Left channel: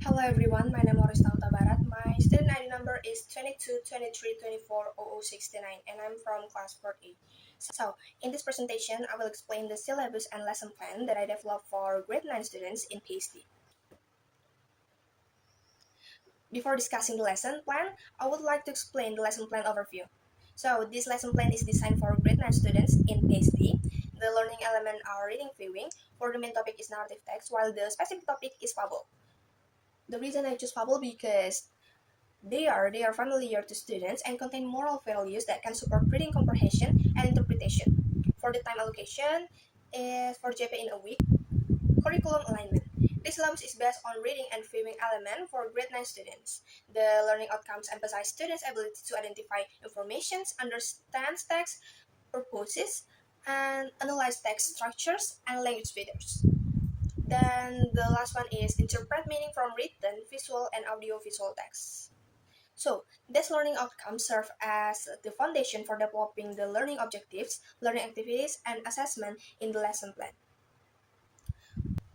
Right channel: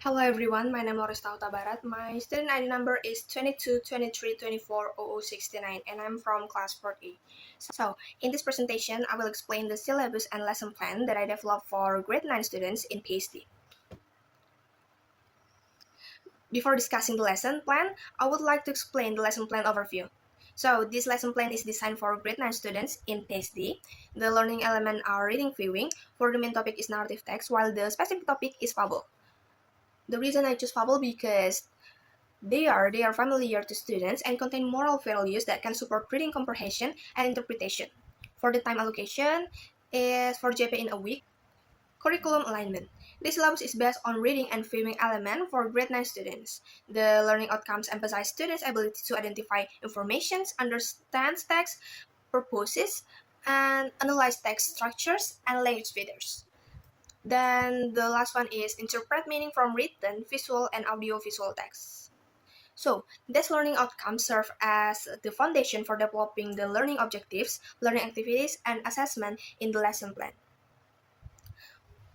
Hello everyone, my name is Lorista Barat. My student ID number is 2223240069 and I'm from class 4A. So, in this presentation, I will explain the syllabus and lesson plan that I developed for grade 9 students in PhD. Before discussing the lesson plan, I would like to explain the lesson plan overview. So, this lesson plan is designed for grade 9 students in PhD. The learning element are reading viewing, for the main topic is narrative text, while the specific topic is fable. The reason I choose fable because they are familiar to students and contain moral values that can support reading comprehension and interpretation. For the time allocation is for JP in a week. Curriculum alignment. This syllabus is based on reading and viewing element for grade 9 students. The learning outcomes emphasize students' ability to identify information, understand text, purposes, and analyze text structures and language features. Then the last one is interpret meaning from written, visual, and audio-visual text. So, these learning outcomes serve as the foundation for developing the learning objectives, learning activities, and assessment in the lesson plan.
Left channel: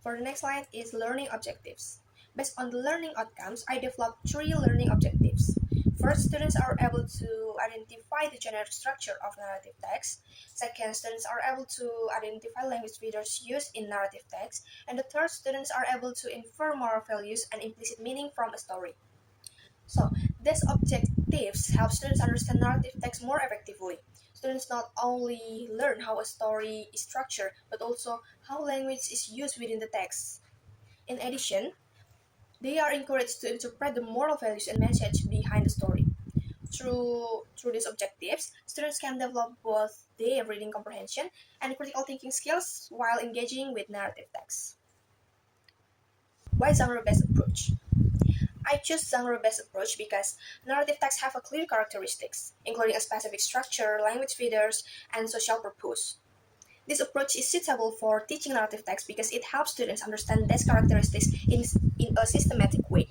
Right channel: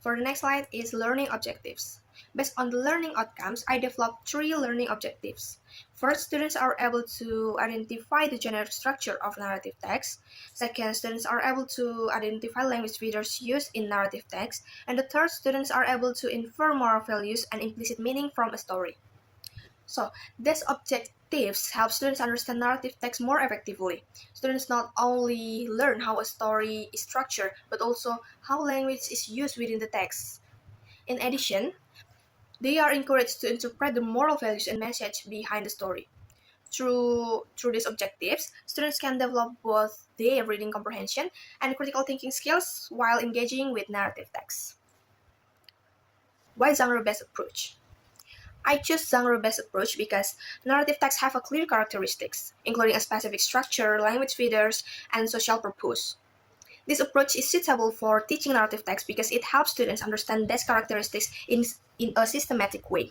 For the next slide is learning objectives. Based on the learning outcomes, I developed 3 learning objectives. First, students are able to identify the generic structure of narrative text. Second, students are able to identify language features used in narrative text. And the third, students are able to infer moral values and implicit meaning from a story. So, these objectives help students understand narrative text more effectively. Students not only learn how a story is structured, but also how language is used within the text. In addition, they are encouraged to interpret the moral values and message behind the story. Through these objectives, students can develop both their reading comprehension and critical thinking skills while engaging with narrative text. Why genre-based approach? I choose genre-based approach because narrative texts have a clear characteristics, including a specific structure, language features, and social purpose. This approach is suitable for teaching narrative text because it helps students understand these characteristics in a systematic way.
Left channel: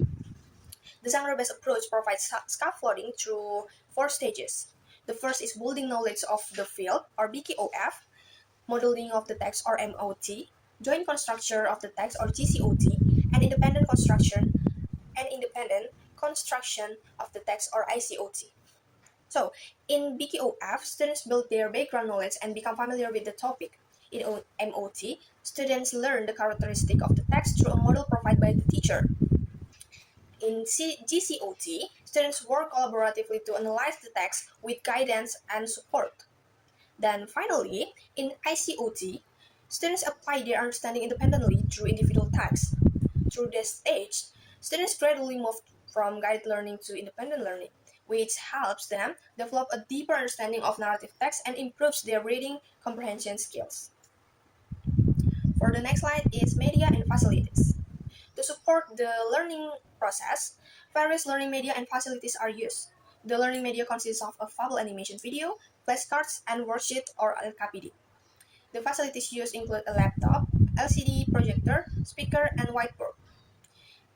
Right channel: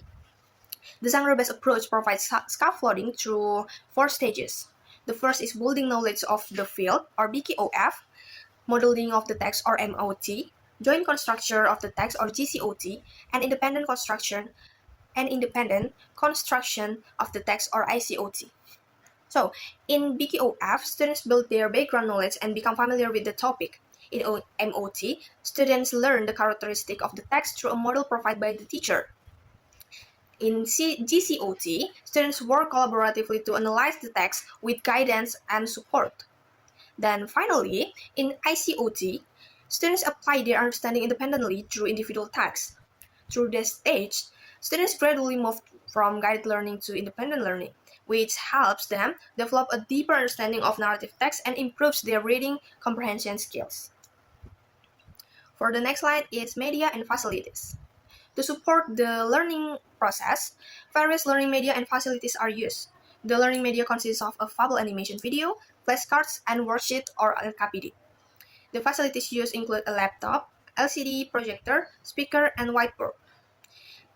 The genre-based approach provides scaffolding through 4 stages. The first is building knowledge of the field, or BKOF, modeling of the text, or MOT, joint construction of the text, or GCOT, and independent construction of the text, or ICOT. So, in BKOF, students build their background knowledge and become familiar with the topic. In MOT, students learn the characteristic of the text through a model provided by the teacher. In GCOT, students work collaboratively to analyze the text with guidance and support. Then finally, in ICOT, students apply their understanding independently through individual tasks. Through this stage, students gradually move from guided learning to independent learning, which helps them develop a deeper understanding of narrative text and improves their reading comprehension skills. For the next slide is media and facilities. To support the learning process, various learning media and facilities are used. The learning media consists of a fable animation video, flashcards, and worksheet or LKPD. The facilities used include a laptop, LCD projector, speaker, and whiteboard.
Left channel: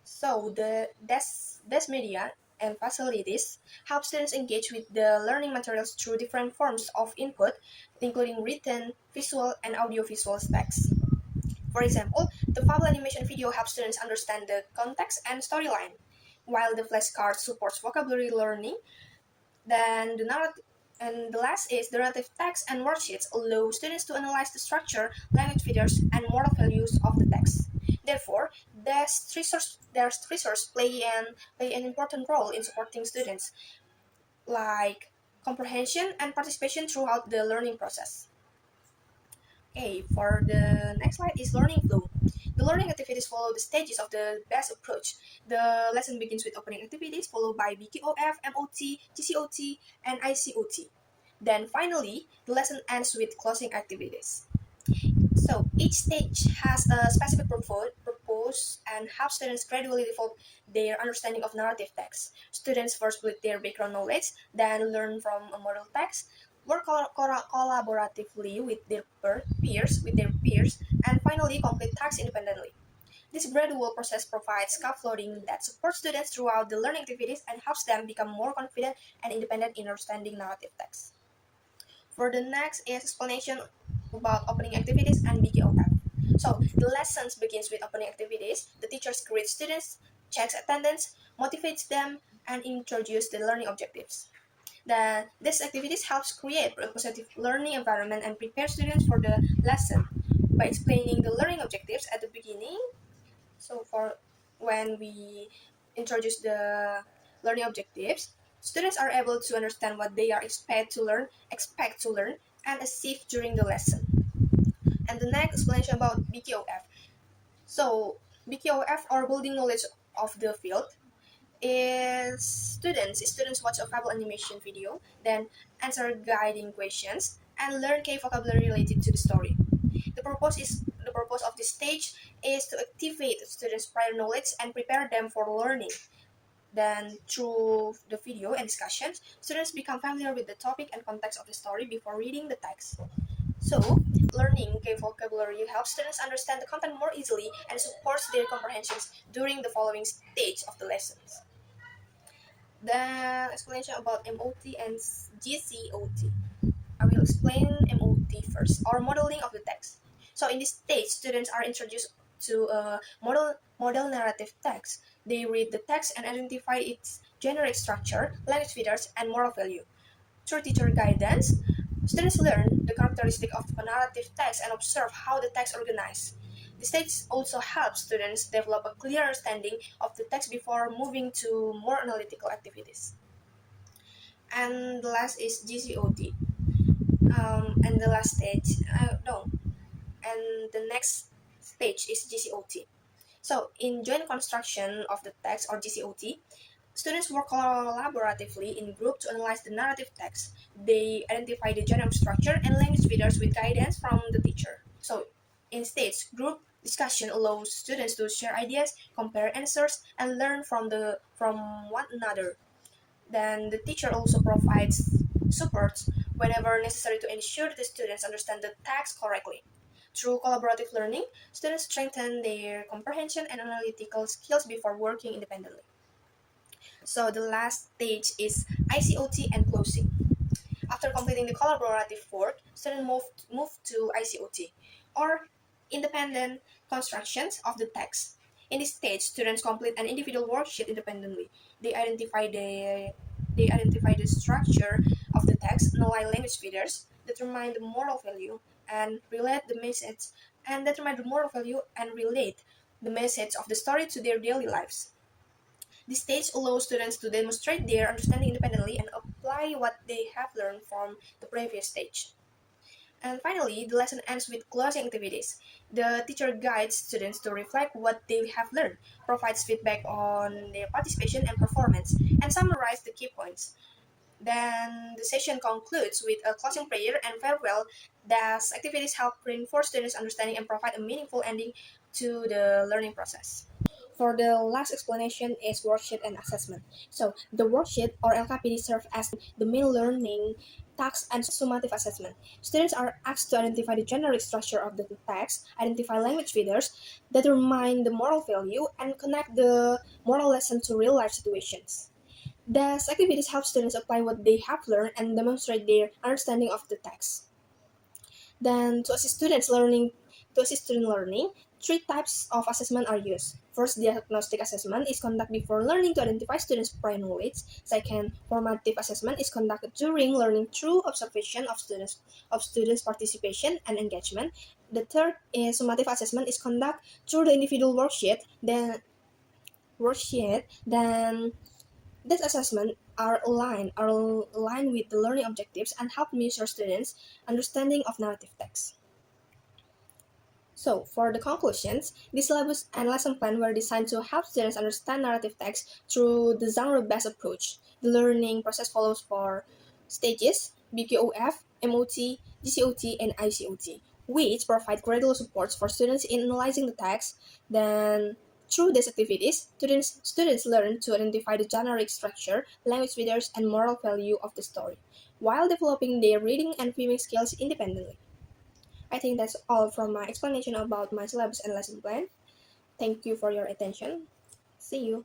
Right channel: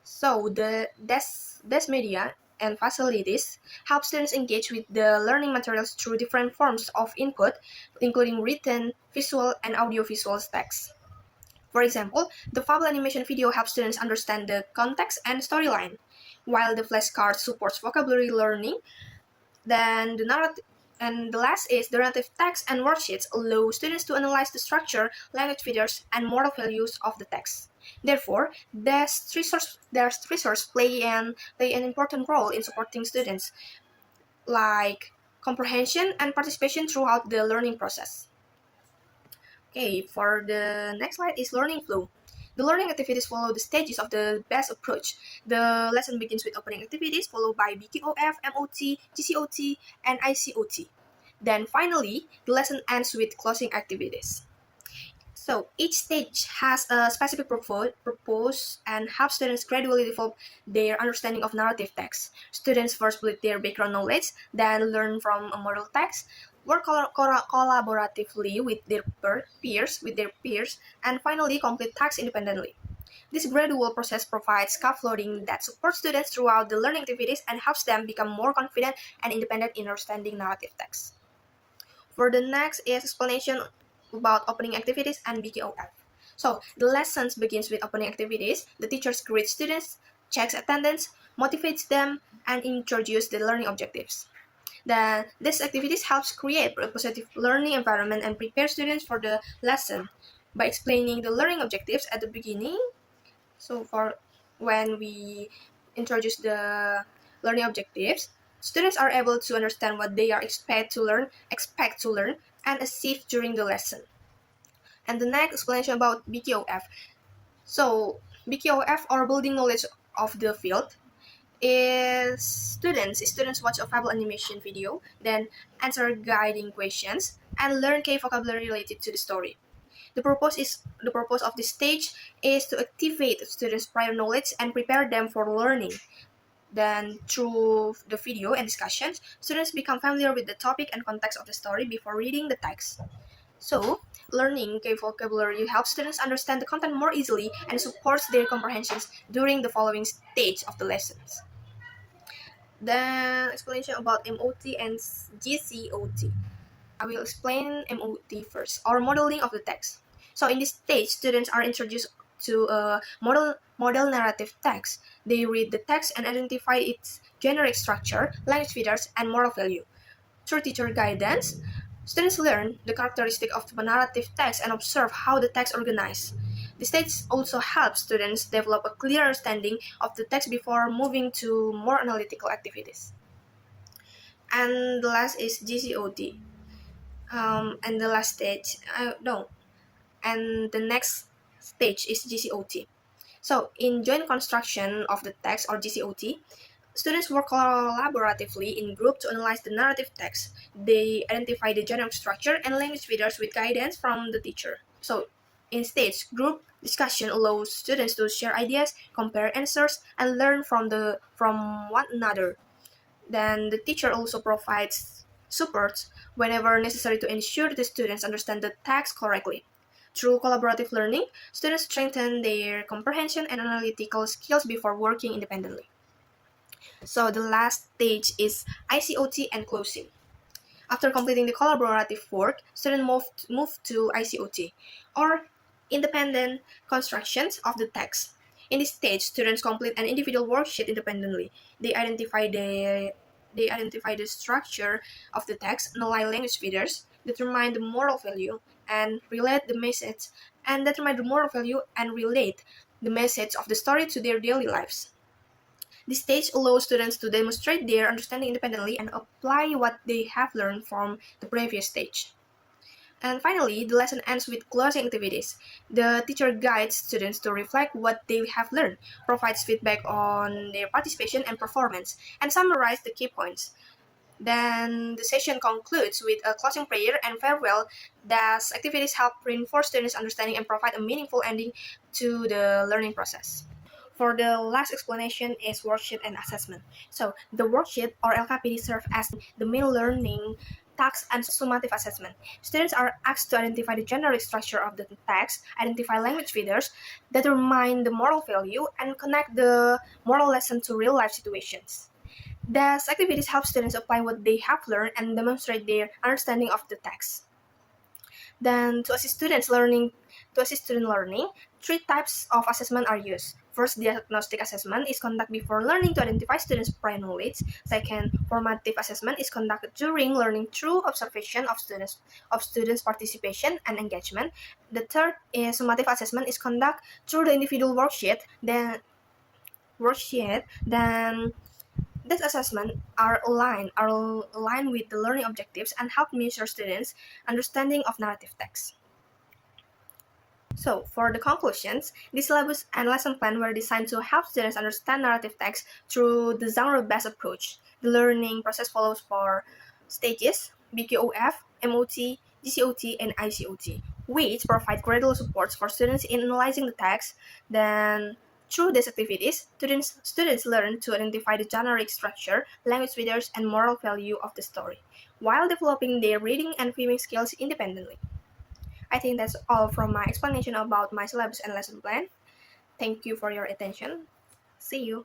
So this media and facilities help students engage with the learning materials through different forms of input, including written, visual, and audiovisual text. For example, the fable animation video helps students understand the context and storyline, while the flashcard supports vocabulary learning. Then the last is the narrative text and worksheets allow students to analyze the structure, language features, and moral values of the text. Therefore, their resources play an important role in supporting students, like comprehension and participation throughout the learning process. Okay, for the next slide is learning flow. The learning activities follow the stages of the best approach. The lesson begins with opening activities, followed by BKOF, MOT, GCOT, and ICOT. Then finally, the lesson ends with closing activities. So each stage has a specific purpose and helps students gradually develop their understanding of narrative text. Students first build their background knowledge, then learn from a model text, work collaboratively with their peers, and finally complete tasks independently. This gradual process provides scaffolding that supports students throughout the learning activities and helps them become more confident and independent in understanding narrative text. For the next is explanation about opening activities and BKOF. So the lessons begins with opening activities. The teachers greet students checks attendance, motivates them, and introduces the learning objectives. These activities helps create a positive learning environment and prepare students for the lesson by explaining the learning objectives at the beginning. So for when we introduce the learning objectives, students are able to understand what they are expect to learn, and achieve during the lesson. And the next explanation about BKOF. So BKOF, or building knowledge of the field, is students watch a Fable animation video, then answer guiding questions and learn key vocabulary related to the story. The purpose of this stage is to activate students' prior knowledge and prepare them for learning. Then through the video and discussions, students become familiar with the topic and context of the story before reading the text. So, learning key vocabulary helps students understand the content more easily and supports their comprehensions during the following stage of the lessons. Then explanation about MOT and GCOT. I will explain MOT first, or modeling of the text. So in this stage, students are introduced to a model narrative text. They read the text and identify its generic structure, language features, and moral value. Through teacher guidance, students learn the characteristic of the narrative text and observe how the text organized. The stage also helps students develop a clear understanding of the text before moving to more analytical activities. And the last is GCOT. And the last stage, no, and the next stage is GCOT. So in joint construction of the text, or GCOT, students work collaboratively in group to analyze the narrative text. They identify the general structure and language features with guidance from the teacher. So in stage, group discussion allows students to share ideas, compare answers, and learn from one another. Then the teacher also provides support whenever necessary to ensure the students understand the text correctly. Through collaborative learning, students strengthen their comprehension and analytical skills before working independently. So the last stage is ICOT and closing. After completing the collaborative work, students move to ICOT, or independent constructions of the text. In this stage, students complete an individual worksheet independently. They identify the structure of the text, analyze language features, determine the moral value, and relate the message, and determine the moral value and relate the message of the story to their daily lives. This stage allows students to demonstrate their understanding independently and apply what they have learned from the previous stage. And finally, the lesson ends with closing activities. The teacher guides students to reflect what they have learned, provides feedback on their participation and performance, and summarize the key points. Then the session concludes with a closing prayer and farewell. Thus, activities help reinforce students' understanding and provide a meaningful ending to the learning process. For the last explanation is worksheet and assessment. So the worksheet, or LKPD, serve as the main learning task and summative assessment. Students are asked to identify the generic structure of the text, identify language features, determine the moral value, and connect the moral lesson to real life situations. These activities help students apply what they have learned and demonstrate their understanding of the text. Then to assist student learning, three types of assessment are used. First, diagnostic assessment is conducted before learning to identify students' prior knowledge. Second, formative assessment is conducted during learning through observation of students' participation and engagement. The third is summative assessment is conducted through the individual worksheet. Then these assessments are aligned with the learning objectives and help measure students' understanding of narrative text. So, for the conclusions, the syllabus and lesson plan were designed to help students understand narrative text through the genre-based approach. The learning process follows four stages: BKOF, MOT, GCOT, and ICOT, which provide gradual supports for students in analyzing the text. Then, through these activities, students learn to identify the generic structure, language features, and moral value of the story, while developing their reading and viewing skills independently. I think that's all from my explanation about my syllabus and lesson plan. Thank you for your attention. See you.